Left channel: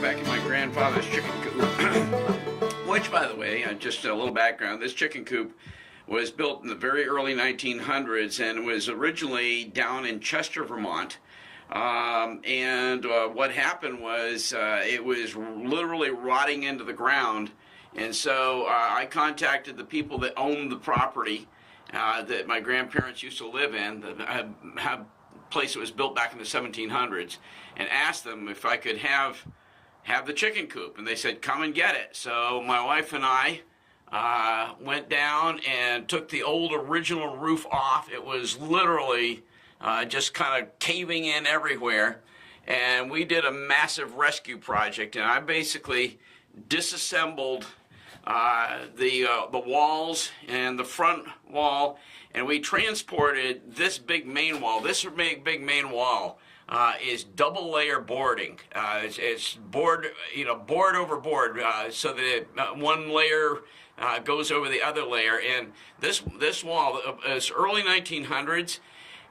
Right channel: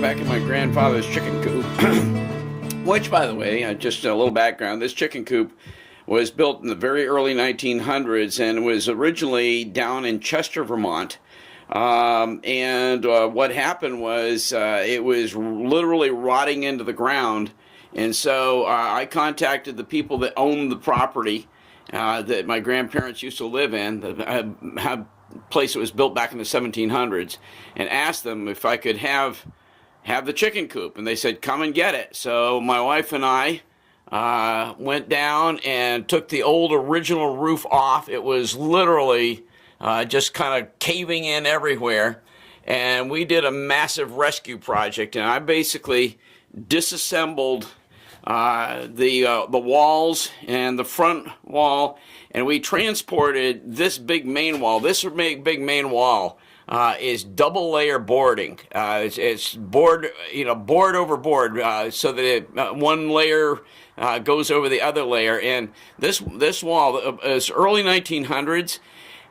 back in my grandfather's chicken coop, which, by the way, just a little background, this chicken coop was built in the very early 1900s and was originally down in Chester, Vermont. What happened was it was literally rotting into the ground, and so I contacted the people that owned the property that my grandparents used to live in, the place that was built back in the 1700s, and asked them if I could have the chicken coop, and they said, come and get it. So my wife and I went down and took the old original roof off. It was literally just kind of caving in everywhere, and we did a massive rescue project, and I basically disassembled the walls and the front wall, and we transported this big main wall. This big main wall is double layer boarding. It's board, board over board, so that one layer goes over the other layer. And this wall is early 1900s,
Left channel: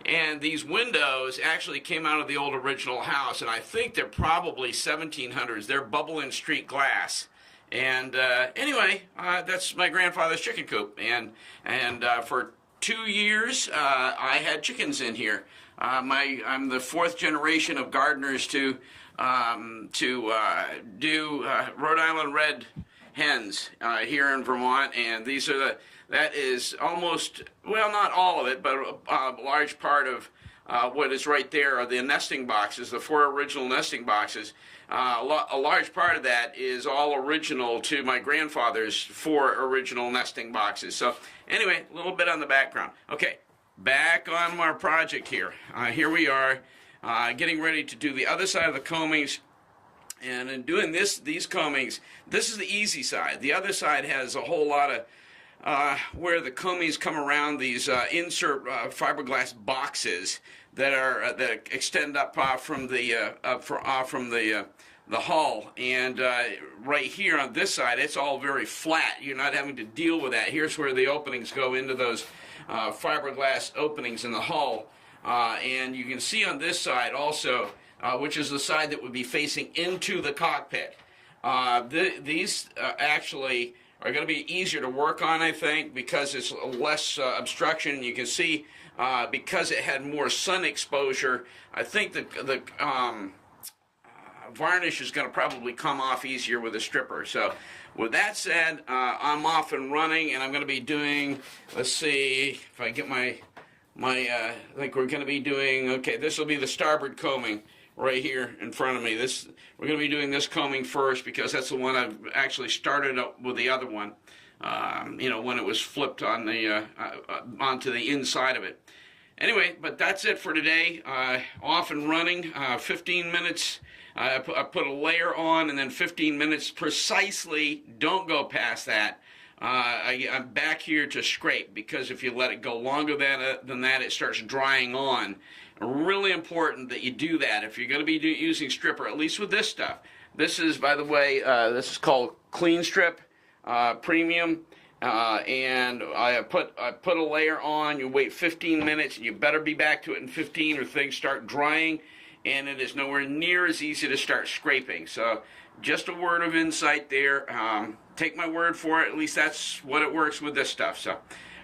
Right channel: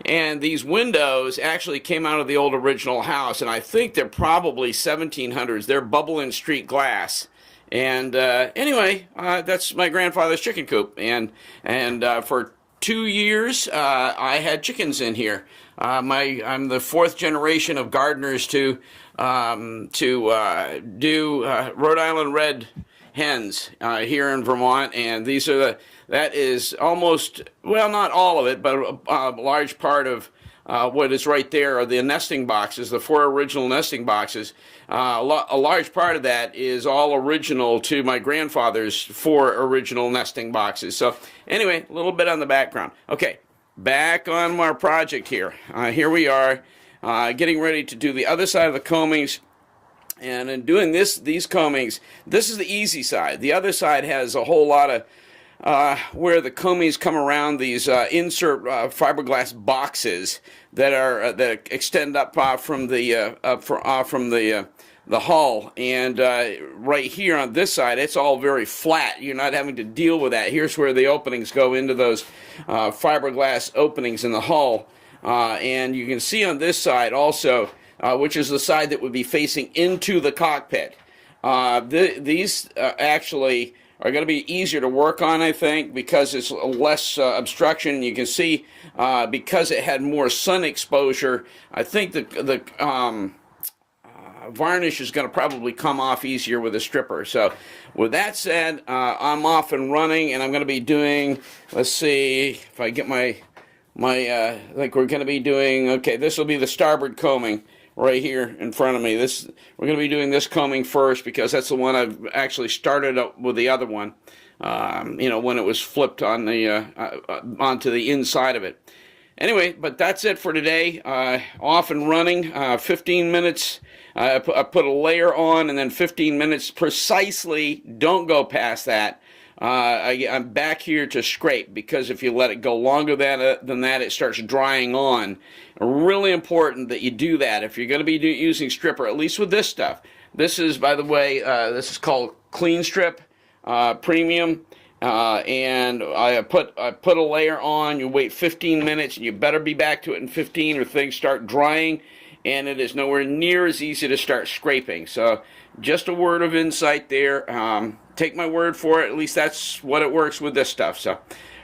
and these windows actually came out of the old original house, and I think they're probably 1700s. They're bubble and street glass. And anyway, that's my grandfather's chicken coop, and for 2 years I had chickens in here. I'm the fourth generation of gardeners to do Rhode Island red hens here in Vermont, and these are that is almost, well, not all of it, but a large part of what is right there are the nesting boxes, the 4 original nesting boxes. A large part of that is all original to my grandfather's 4 original nesting boxes. So anyway, a little bit on the background. Okay, back on our project here. Here we are, getting ready to do the other side of the coamings. And in doing these coamings, this is the easy side. The other side has a whole lot of where the coamings come around these insert fiberglass boxes that extend up from the hull, and right here on this side it's all very flat. You're not having to deal with that. Here's where the openings go into those fiberglass openings in the hull, and you can see on this side also, which is the side that would be facing into the cockpit. These actually are going to be easier to work on, I think, because it's less obstruction. You can see because it had more sun exposure, I think the varnish is going to probably come off easier with a stripper. So with that said, I'm off and running, and I'm going to be doing, let's see if I get my like we're going to be doing, okay, this will be the starboard coaming right here in front of me. We're going to be doing this coaming first because that's the one I've actually started up with the other one, when it was flipped on the onto the inside of it. Anyway, but that's it for today. Off and running, 15 minutes. I put a layer on, and then 15 minutes precisely. Don't go past that. I'm back here to scrape, because if you let it go longer than that, it starts drying on. Really important that you do that if you're going to be using stripper, at least with this stuff. This is, by the way, this is called Clean Strip Premium, and I put a layer on. You wait 15 minutes, and you better be back to it in 15 or things start drying, and it is nowhere near as easy to start scraping. So just a word of insight there. Take my word for it. At least that's what it works with this stuff. So,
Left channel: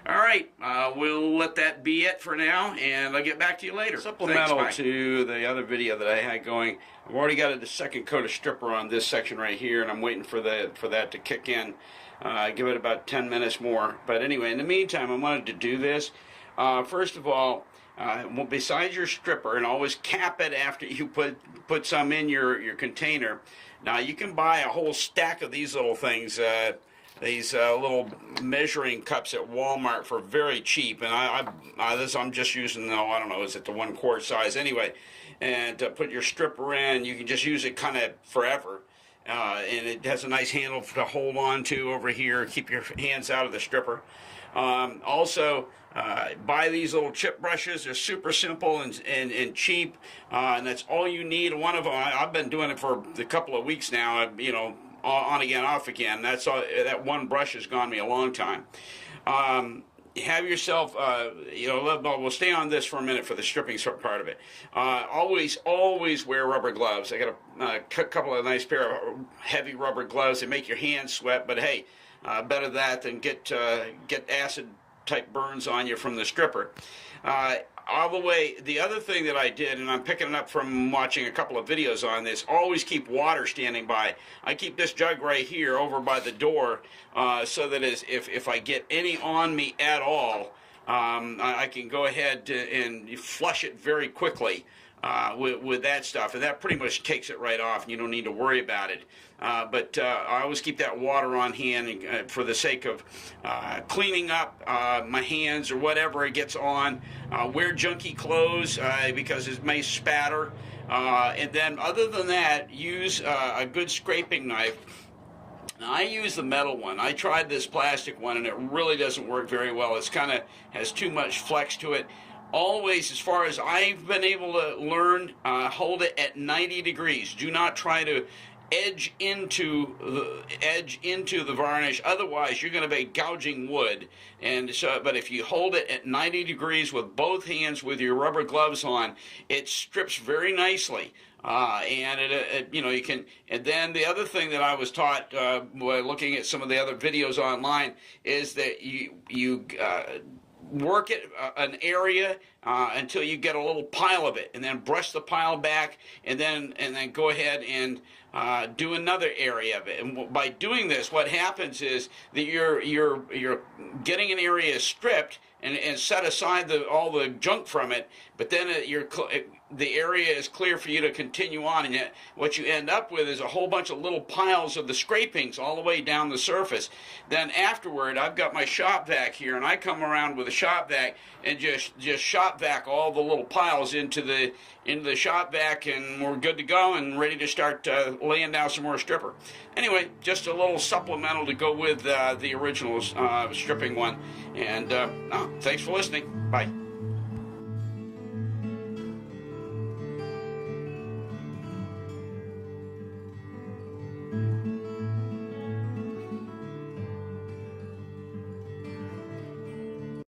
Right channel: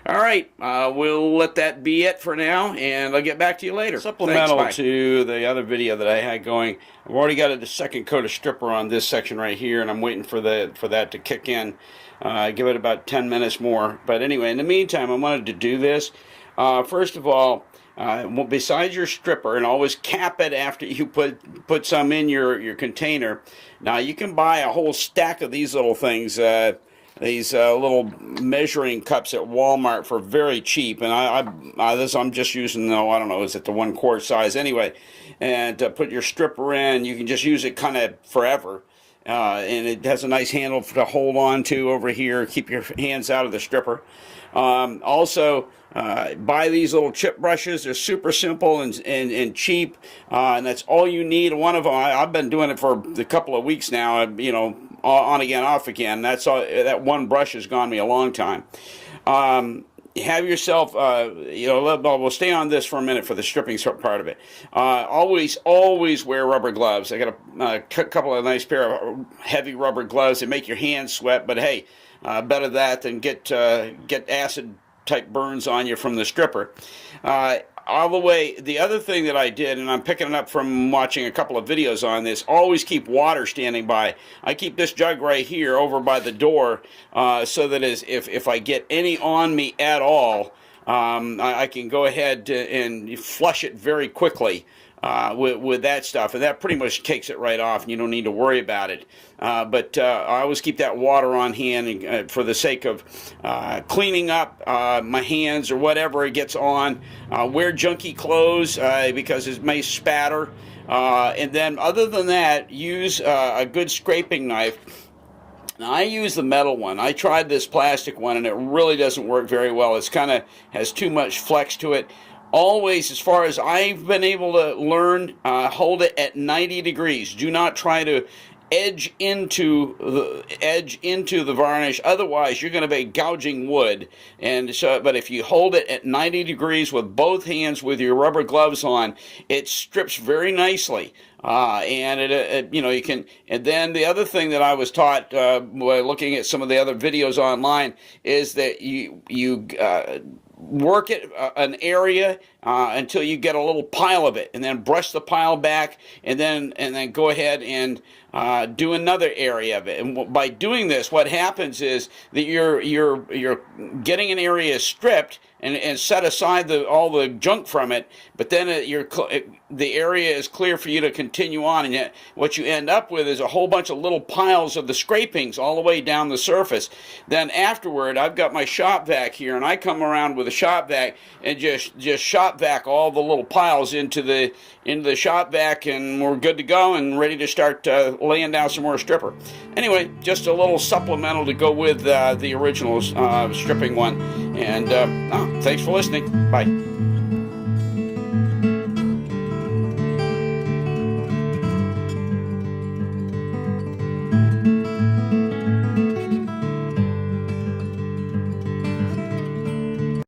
all right, we'll let that be it for now, and I'll get back to you later. Supplemental to the other video that I had going, I've already got the second coat of stripper on this section right here, and I'm waiting for that to kick in. Give it about 10 minutes more. But anyway, in the meantime, I wanted to do this. First of all, besides your stripper, and always cap it after you put some in your container. Now you can buy a whole stack of these little things, these little measuring cups at Walmart for very cheap, and I'm just using, I don't know, is it the 1 quart size anyway? And to put your stripper in, you can just use it kind of forever, and it has a nice handle to hold on to over here, keep your hands out of the stripper. Also, buy these little chip brushes. They're super simple and cheap, and that's all you need. One of them, I've been doing it for a couple of weeks now, on again, off again. That's all. That one brush has gone me a long time. have yourself, we'll stay on this for a minute for the stripping part of it. Always wear rubber gloves. I got a couple of nice pair of heavy rubber gloves that make your hands sweat, but hey, better that than get acid type burns on you from the stripper. All the way, the other thing that I did, and I'm picking it up from watching a couple of videos on this, always keep water standing by. I keep this jug right here over by the door so that if I get any on me at all, I can go ahead and flush it very quickly with that stuff, and that pretty much takes it right off, and you don't need to worry about it. But I always keep that water on hand for the sake of cleaning up my hands or whatever it gets on. Wear junky clothes because it may spatter. And then other than that, use a good scraping knife. Now, I use the metal one. I tried this plastic one, and it really doesn't work very well. It's kind of has too much flex to it. Always, as far as I've been able to learn, hold it at 90 degrees. Do not try to edge into the varnish. Otherwise, you're going to be gouging wood. And so, but if you hold it at 90 degrees with both hands with your rubber gloves on, it strips very nicely. And you can. And then the other thing that I was taught by looking at some of the other videos online is that you work it an area until you get a little pile of it, and then brush the pile back, and then go ahead and do another area of it. And by doing this, what happens is that you're getting an area stripped and set aside all the junk from it, but then the area is clear for you to continue on, and yet what you end up with is a whole bunch of little piles of the scrapings all the way down the surface. Then afterward, I've got my shop vac here, and I come around with a shop vac and just shop vac all the little piles into the shop vac, and we're good to go and ready to start laying down some more stripper. Anyway, just a little supplemental to go with the original stripping one. And thanks for listening. Bye.